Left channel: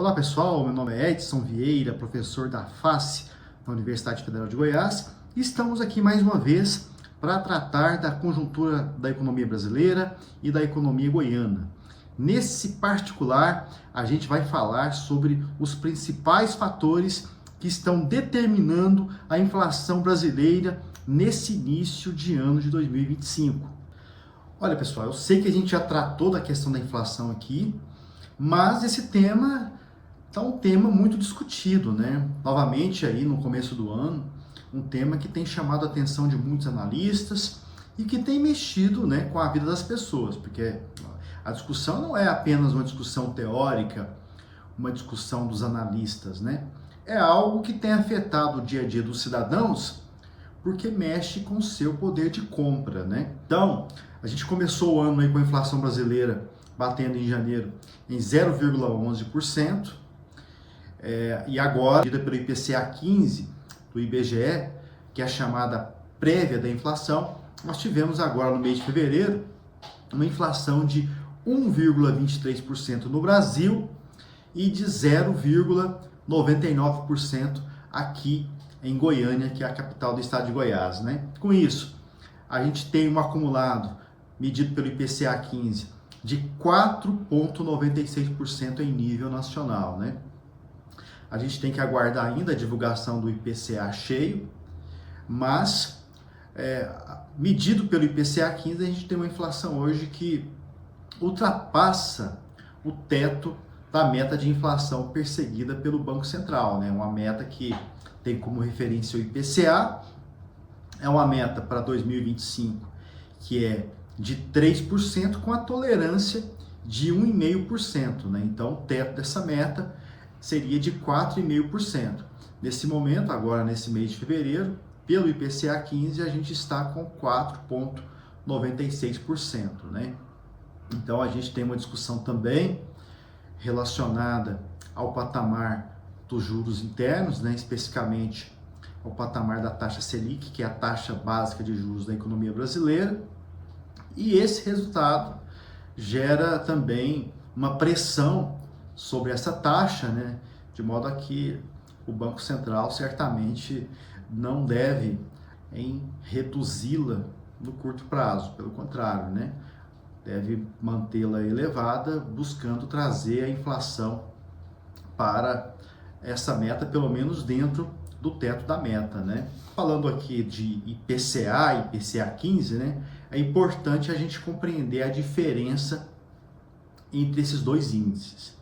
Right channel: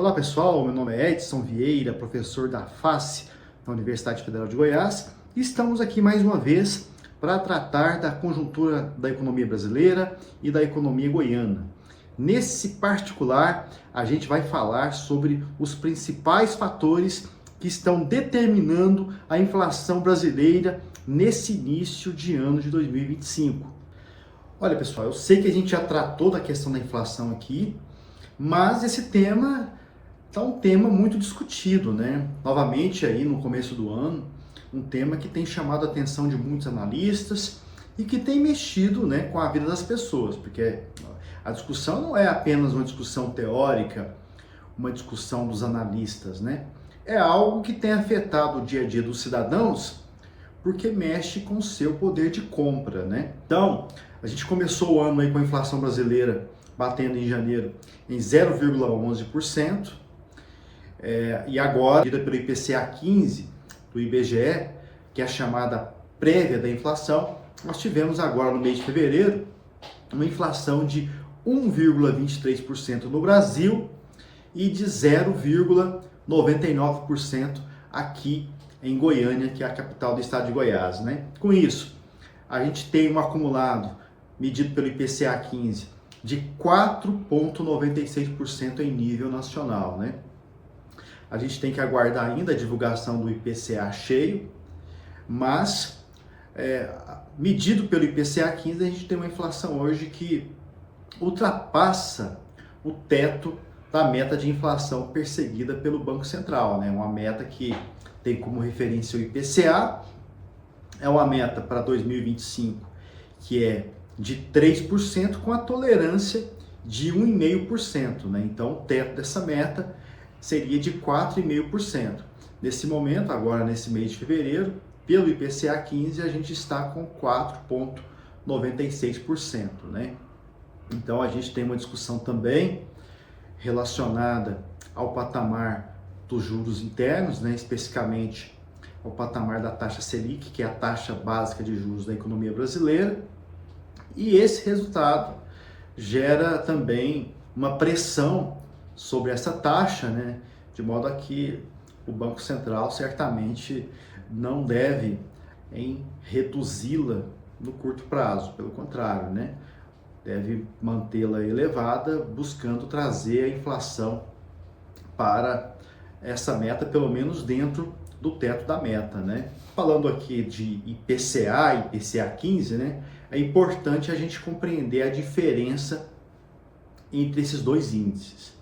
Olá pessoal, meu nome é Edson Vieira, professor da FACE, da Universidade Federal de Goiás, e estamos aqui mais uma vez para tratar da conjuntura da economia brasileira e da economia goiana. Nesse particular, a gente vai falar sobre os principais fatores que estão determinando a inflação brasileira nesse início de ano de 2025. Olha pessoal, eu sei que a gente já tratou da questão da inflação aqui, mas esse tema está um tema muito discutido, né? Novamente aí no começo do ano, um tema que tem chamado a atenção de muitos analistas e que tem mexido, né, com a vida das pessoas, porque a discussão não é apenas uma discussão teórica, uma discussão dos analistas, né? É algo que tem afetado o dia a dia dos cidadãos porque mexe com o seu poder de compra, né? Então, a gente começou o ano aí com a inflação brasileira batendo em janeiro em 0,11%, e agora, medida pelo IPCA 15 do IBGE, que é a chamada prévia da inflação, nós tivemos agora no mês de fevereiro uma inflação de 1,23% no Brasil e de 0,99% aqui em Goiânia, que é a capital do estado de Goiás, né? Com isso, a gente tem um acumulado, medido pelo IPCA 15, de 4,96% em nível nacional, né? A gente tem que aguardar ainda a divulgação do IPCA cheio, mas medido pelo IPCA 15, a gente tem uma inflação hoje que ultrapassa o teto da meta de inflação perseguida pelo Banco Central, né? Uma meta que tem como referência o IPCA, é uma meta para 2025 que é de 3% com a tolerância de 1,5%, né? Então, o teto dessa meta seria de 4,5%. Nesse momento, agora nesse mês de fevereiro, pelo IPCA 15, a gente está com 4,96%, né? Então, a gente tem uma discussão também relacionada ao patamar dos juros internos, né? Especificamente ao patamar da taxa Selic, que é a taxa básica de juros da economia brasileira. E esse resultado gera também uma pressão sobre essa taxa, né? De modo a que o Banco Central certamente não deve reduzi-la no curto prazo, pelo contrário, né? Deve mantê-la elevada, buscando trazer a inflação para essa meta, pelo menos dentro do teto da meta, né? Falando aqui de IPCA, IPCA 15, né? É importante a gente compreender a diferença entre esses dois índices.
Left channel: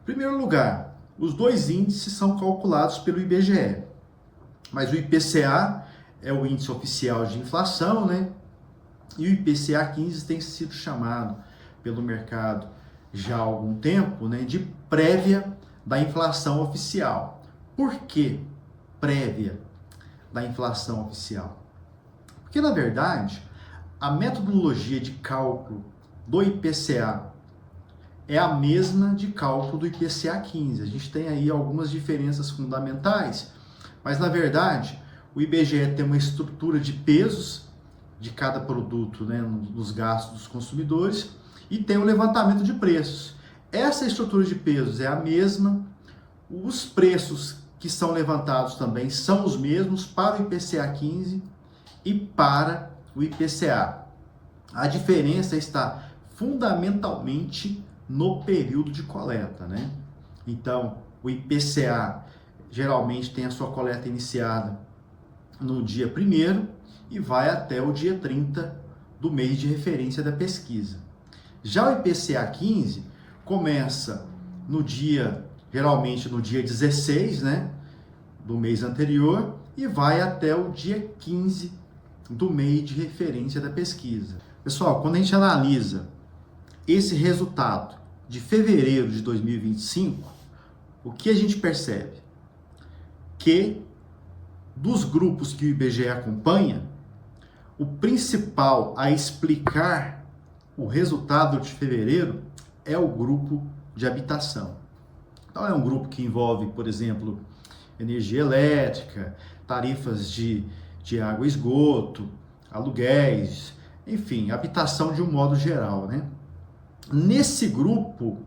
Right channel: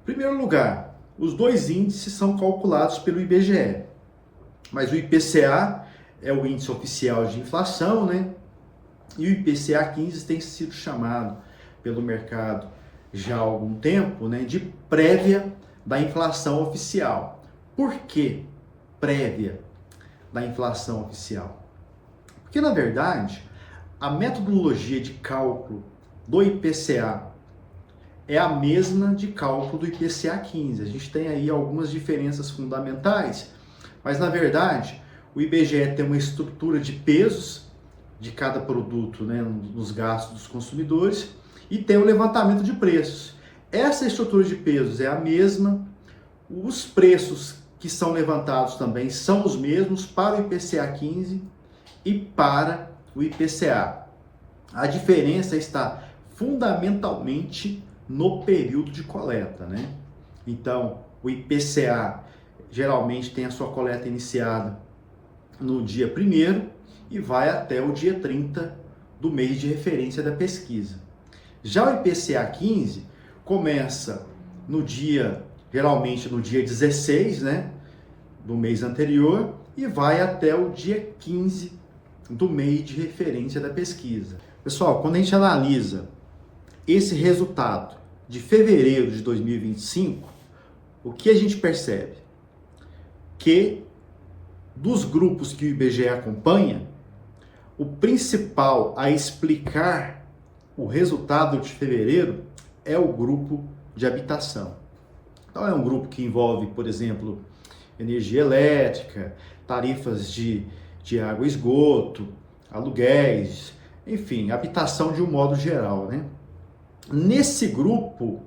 Em primeiro lugar, os dois índices são calculados pelo IBGE, mas o IPCA é o índice oficial de inflação, né? E o IPCA 15 tem sido chamado pelo mercado já há algum tempo, né, de prévia da inflação oficial. Por que prévia da inflação oficial? Porque, na verdade, a metodologia de cálculo do IPCA é a mesma de cálculo do IPCA 15. A gente tem aí algumas diferenças fundamentais, mas, na verdade, o IBGE tem uma estrutura de pesos de cada produto, né, nos gastos dos consumidores, e tem um levantamento de preços. Essa estrutura de pesos é a mesma, os preços que são levantados também são os mesmos para o IPCA 15 e para o IPCA. A diferença está fundamentalmente no período de coleta, né? Então, o IPCA geralmente tem a sua coleta iniciada no dia 1º e vai até o dia 30 do mês de referência da pesquisa. Já o IPCA 15 começa geralmente no dia 16, né, do mês anterior, e vai até o dia 15 do mês de referência da pesquisa. Pessoal, quando a gente analisa esse resultado de fevereiro de 2025, o que a gente percebe? Que dos grupos que o IBGE acompanha, o principal a explicar o resultado de fevereiro é o grupo de habitação. Então, é um grupo que envolve, por exemplo, energia elétrica, tarifas de água e esgoto, aluguéis, enfim, habitação de um modo geral, né? Nesse grupo,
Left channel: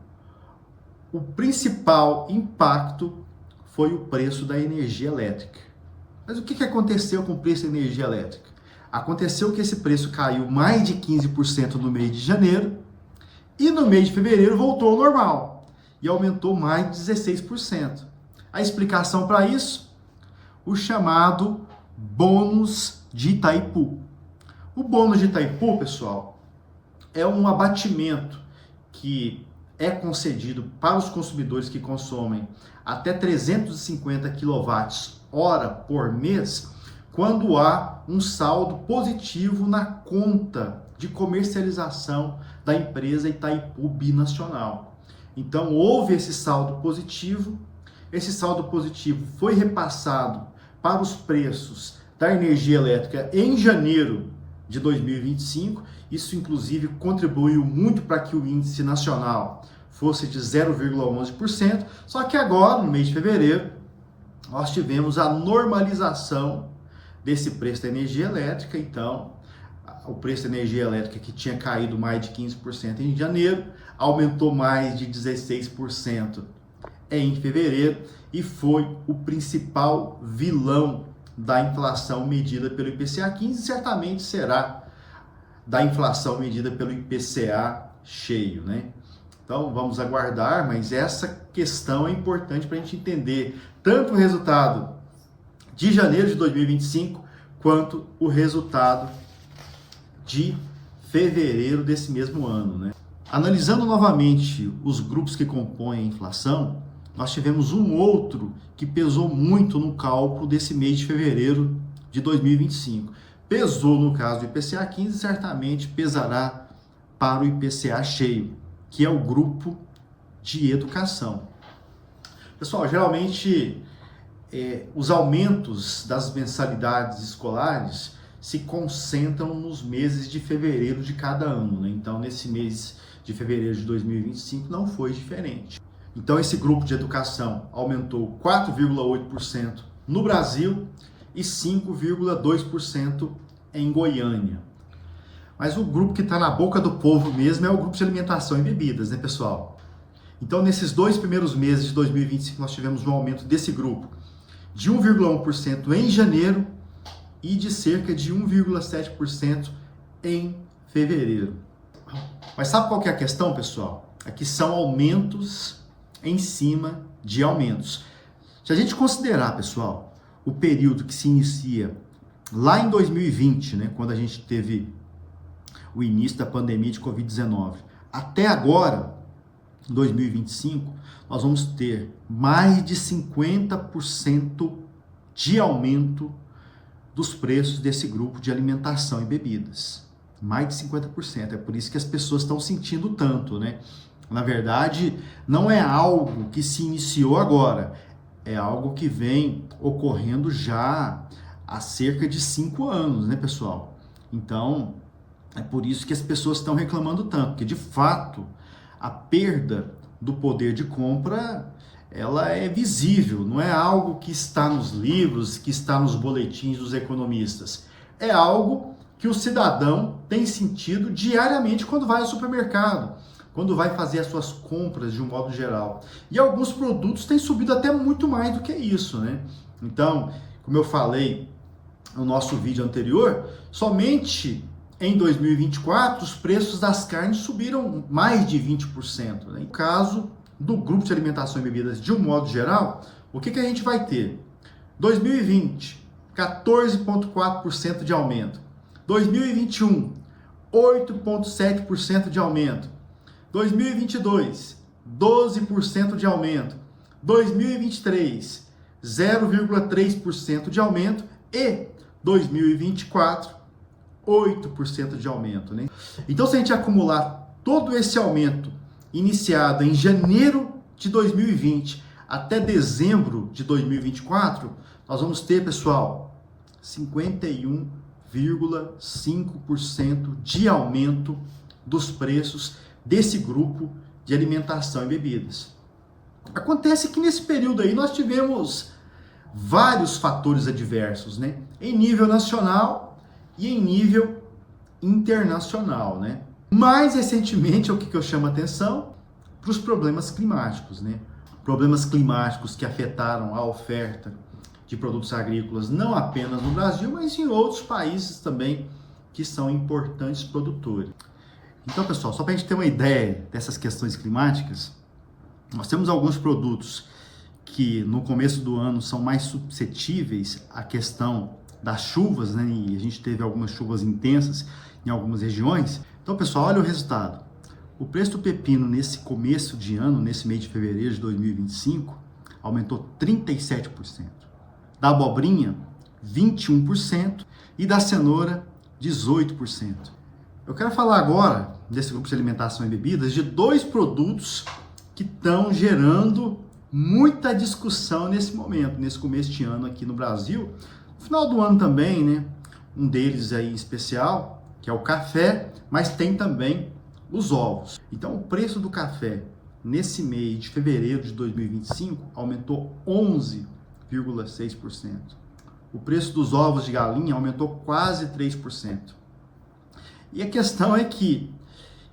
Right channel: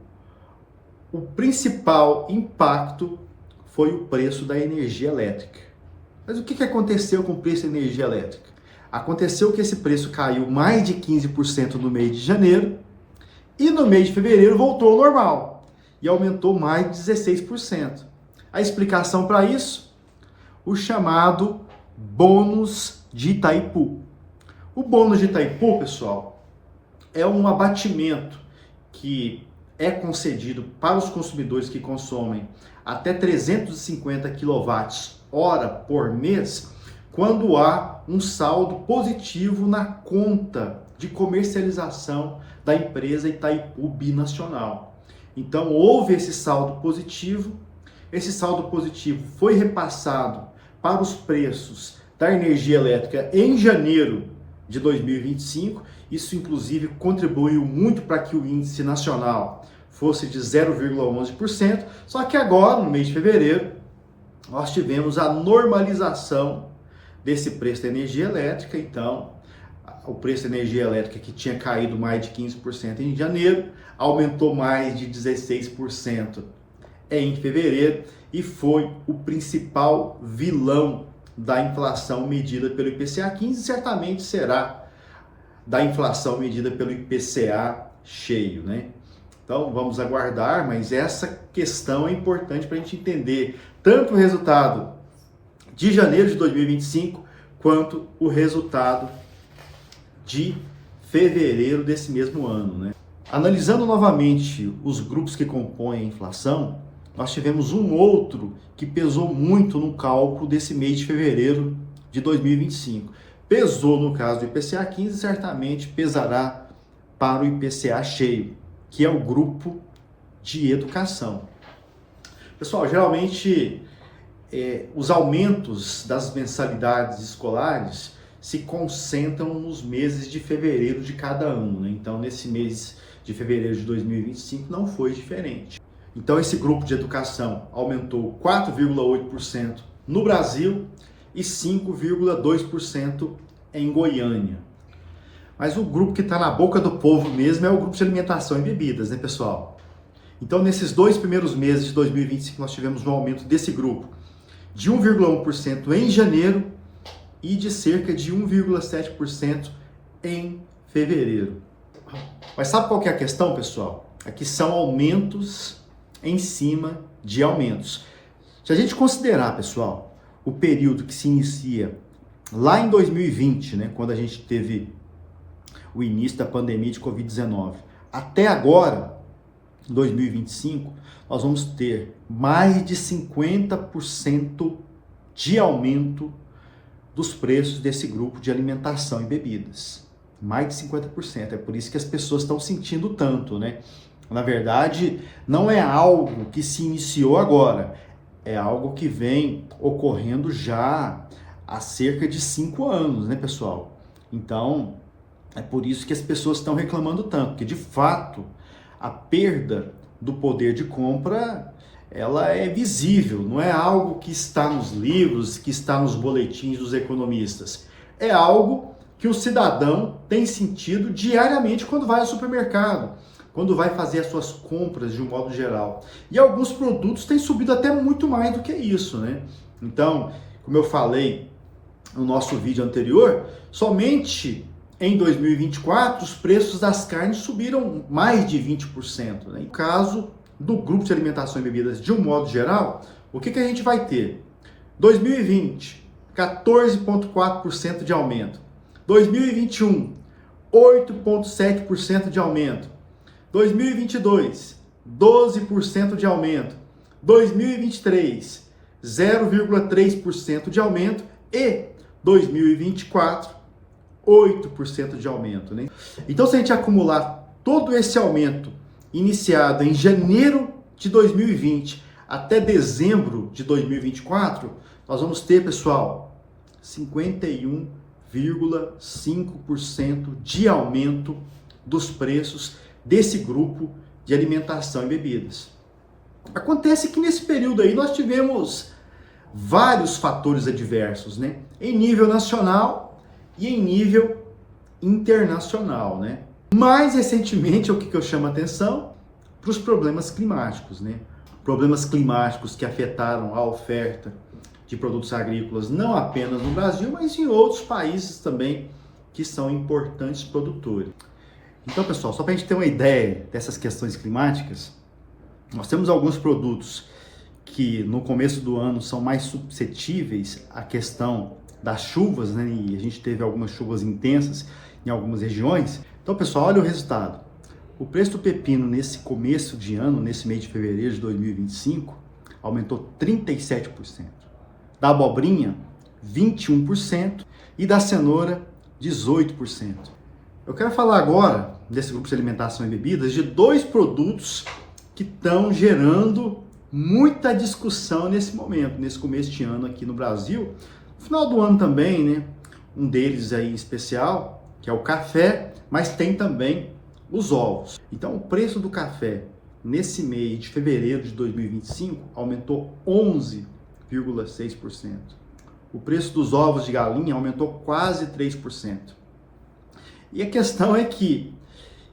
o principal impacto foi o preço da energia elétrica. Mas o que aconteceu com o preço da energia elétrica? Aconteceu que esse preço caiu mais de 15% no mês de janeiro e no mês de fevereiro voltou ao normal e aumentou mais de 16%. A explicação para isso? O chamado bônus de Itaipu. O bônus de Itaipu, pessoal, é um abatimento que é concedido para os consumidores que consomem até 350 kWh por mês, quando há um saldo positivo na conta de comercialização da empresa Itaipu Binacional. Então, houve esse saldo positivo foi repassado para os preços da energia elétrica em janeiro de 2025, isso inclusive contribuiu muito para que o índice nacional fosse de 0,11%, só que agora, no mês de fevereiro, nós tivemos a normalização desse preço da energia elétrica. Então, o preço da energia elétrica, que tinha caído mais de 15% em janeiro, aumentou mais de 16% em fevereiro e foi o principal vilão da inflação medida pelo IPCA 15, certamente será da inflação medida pelo IPCA cheio, né? Então vamos aguardar, mas essa questão é importante para a gente entender tanto o resultado de janeiro de 2025 quanto o resultado de fevereiro desse mesmo ano, né? Analisando novamente os grupos que compõem a inflação, nós tivemos um outro que pesou muito no cálculo desse mês de fevereiro de 2025. Pesou no caso do IPCA 15, certamente pesará para o IPCA cheio, que é o grupo de educação. Pessoal, geralmente os aumentos das mensalidades escolares se concentram nos meses de fevereiro de cada ano, né? Então, nesse mês de fevereiro de 2025 não foi diferente. Então, esse grupo de educação aumentou 4,8% no Brasil e 5,2% em Goiânia. Mas o grupo que está na boca do povo mesmo é o grupo de alimentação e bebidas, né, pessoal? Então, nesses 2 primeiros meses de 2025, nós tivemos um aumento desse grupo de 1,1% em janeiro e de cerca de 1,7% em fevereiro. Mas sabe qual que é a questão, pessoal? Aqui são aumentos em cima de aumentos. Se a gente considerar, pessoal, o período que se inicia lá em 2020, né, quando a gente teve o início da pandemia de Covid-19, até agora, em 2025, nós vamos ter mais de 50% de aumento dos preços desse grupo de alimentação e bebidas. Mais de 50%. É por isso que as pessoas estão sentindo tanto, né? Na verdade, não é algo que se iniciou agora, é algo que vem ocorrendo já há cerca de 5 anos, né, pessoal? Então, é por isso que as pessoas estão reclamando tanto, porque de fato a perda do poder de compra, ela é visível, não é algo que está nos livros, que está nos boletins dos economistas. É algo que o cidadão tem sentido diariamente quando vai ao supermercado, quando vai fazer as suas compras de um modo geral. E alguns produtos têm subido até muito mais do que isso, né? Então, como eu falei no nosso vídeo anterior, somente em 2024 os preços das carnes subiram mais de 20%, né? No caso do grupo de alimentação e bebidas de um modo geral, o que a gente vai ter? 2020, 14,4% de aumento. 2021, 8,7% de aumento. 2022, 12% de aumento. 2023, 0,3% de aumento. E 2024, 8% de aumento, né? Então, se a gente acumular todo esse aumento iniciado em janeiro de 2020 até dezembro de 2024, nós vamos ter, pessoal, 51,5% de aumento dos preços desse grupo de alimentação e bebidas. Acontece que nesse período aí nós tivemos vários fatores adversos, né? Em nível nacional e em nível internacional, né? Mais recentemente, o que eu chamo a atenção, para os problemas climáticos, né? Problemas climáticos que afetaram a oferta de produtos agrícolas não apenas no Brasil, mas em outros países também que são importantes produtores. Então, pessoal, só para a gente ter uma ideia dessas questões climáticas, nós temos alguns produtos que no começo do ano são mais suscetíveis à questão das chuvas, né? E a gente teve algumas chuvas intensas em algumas regiões. Então, pessoal, olha o resultado. O preço do pepino nesse começo de ano, nesse mês de fevereiro de 2025, aumentou 37%. Da abobrinha, 21%. E da cenoura, 18%. Eu quero falar agora, desse grupo de alimentação e bebidas, de dois produtos que estão gerando muita discussão nesse momento, nesse começo de ano aqui no Brasil. No final do ano também, né? Um deles aí em especial, que é o café, mas tem também os ovos. Então, o preço do café nesse mês de fevereiro de 2025 aumentou 11,6%. O preço dos ovos de galinha aumentou quase 3%. E a questão é que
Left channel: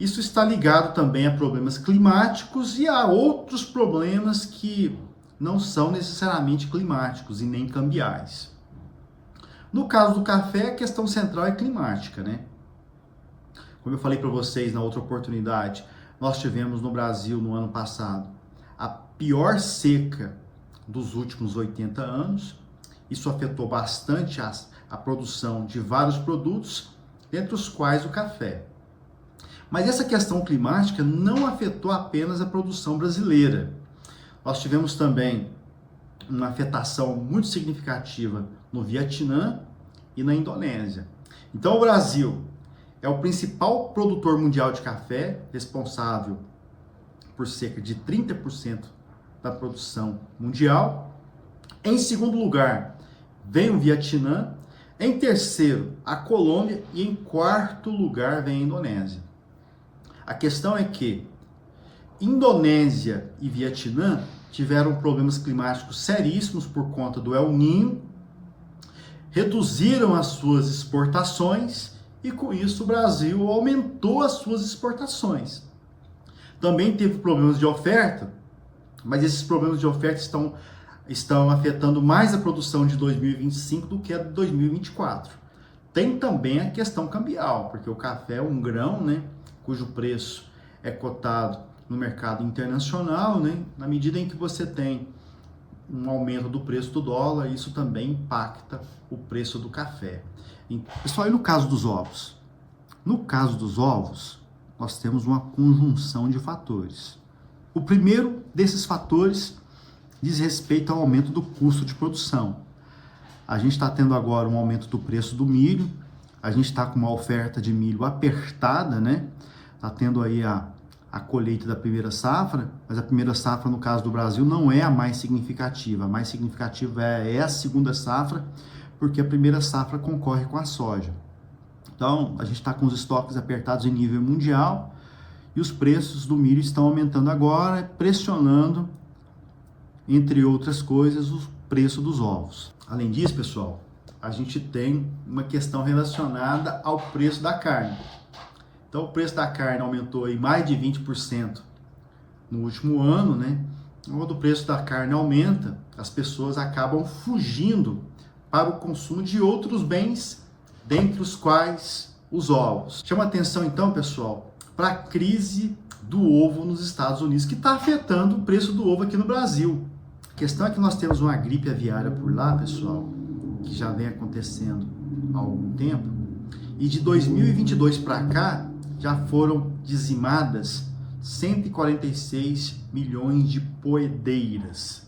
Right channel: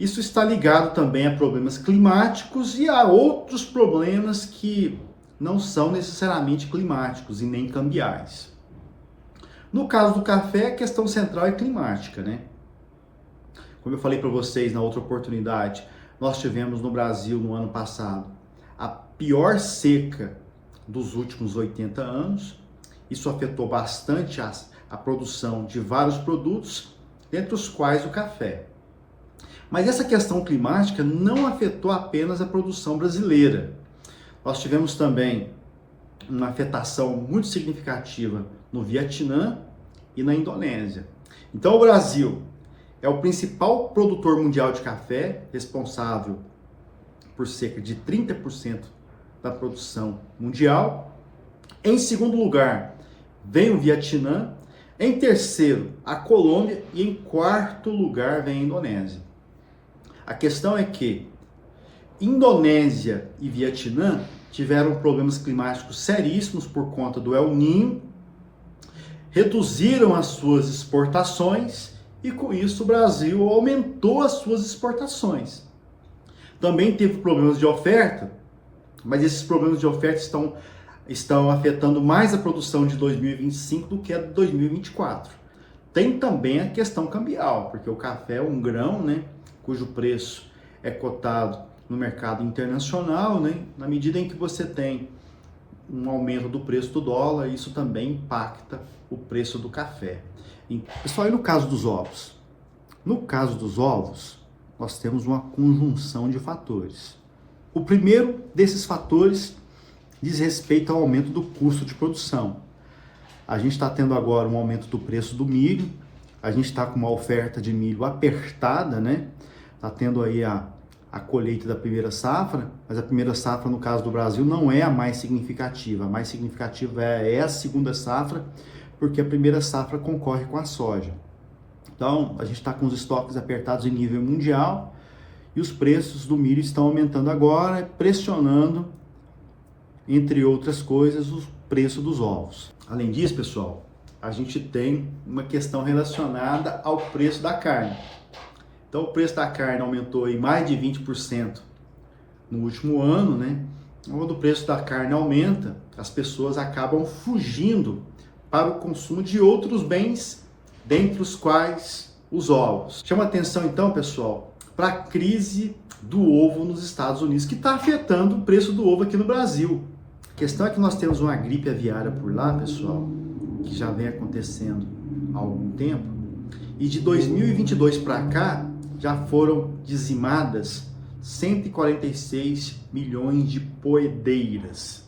isso está ligado também a problemas climáticos e a outros problemas que não são necessariamente climáticos e nem cambiais. No caso do café, a questão central é climática, né? Como eu falei para vocês na outra oportunidade, nós tivemos no Brasil no ano passado a pior seca dos últimos 80 anos. Isso afetou bastante a produção de vários produtos, dentre os quais o café. Mas essa questão climática não afetou apenas a produção brasileira. Nós tivemos também uma afetação muito significativa no Vietnã e na Indonésia. Então o Brasil é o principal produtor mundial de café, responsável por cerca de 30% da produção mundial. Em segundo lugar, vem o Vietnã. Em terceiro, a Colômbia. E em quarto lugar, vem a Indonésia. A questão é que Indonésia e Vietnã tiveram problemas climáticos seríssimos por conta do El Niño, reduziram as suas exportações e com isso o Brasil aumentou as suas exportações. Também teve problemas de oferta, mas esses problemas de oferta estão afetando mais a produção de 2025 do que a de 2024. Tem também a questão cambial, porque o café é um grão, né, cujo preço é cotado no mercado internacional, né? Na medida em que você tem um aumento do preço do dólar, isso também impacta o preço do café. Pessoal, e no caso dos ovos? No caso dos ovos, nós temos uma conjunção de fatores. O primeiro desses fatores diz respeito ao aumento do custo de produção. A gente está tendo agora um aumento do preço do milho, a gente está com uma oferta de milho apertada, né? Está tendo aí a colheita da primeira safra, mas a primeira safra, no caso do Brasil, não é a mais significativa. A mais significativa é a segunda safra, porque a primeira safra concorre com a soja. Então, a gente está com os estoques apertados em nível mundial e os preços do milho estão aumentando agora, pressionando, entre outras coisas, o preço dos ovos. Além disso, pessoal, a gente tem uma questão relacionada ao preço da carne. Então, o preço da carne aumentou em mais de 20% no último ano, né? Quando o preço da carne aumenta, as pessoas acabam fugindo para o consumo de outros bens, dentre os quais os ovos. Chama atenção, então, pessoal, para a crise do ovo nos Estados Unidos, que está afetando o preço do ovo aqui no Brasil. A questão é que nós temos uma gripe aviária por lá, pessoal, que já vem acontecendo há algum tempo, e de 2022 para cá, já foram dizimadas 146 milhões de poedeiras.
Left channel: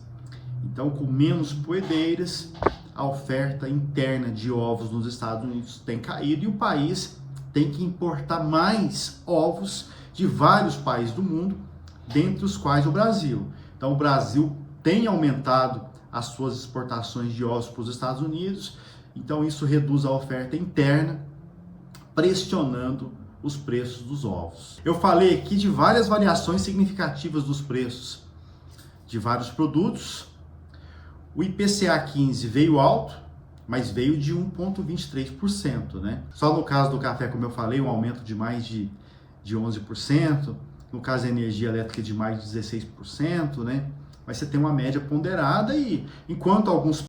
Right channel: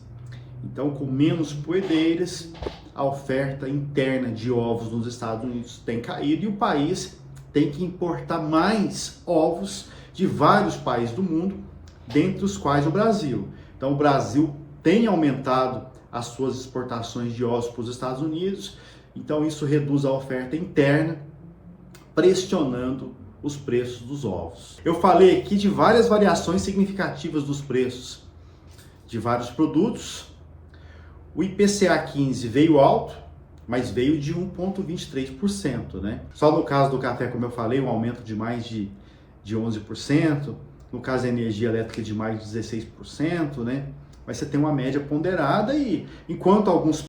Então, com menos poedeiras, a oferta interna de ovos nos Estados Unidos tem caído e o país tem que importar mais ovos de vários países do mundo, dentre os quais o Brasil. Então, o Brasil tem aumentado as suas exportações de ovos para os Estados Unidos, então isso reduz a oferta interna, pressionando os preços dos ovos. Eu falei aqui de várias variações significativas dos preços de vários produtos. O IPCA 15 veio alto, mas veio de 1,23%, né? Só no caso do café, como eu falei, um aumento de mais de 11%. no caso a energia elétrica de mais de 16%, né? Mas você tem uma média ponderada e enquanto alguns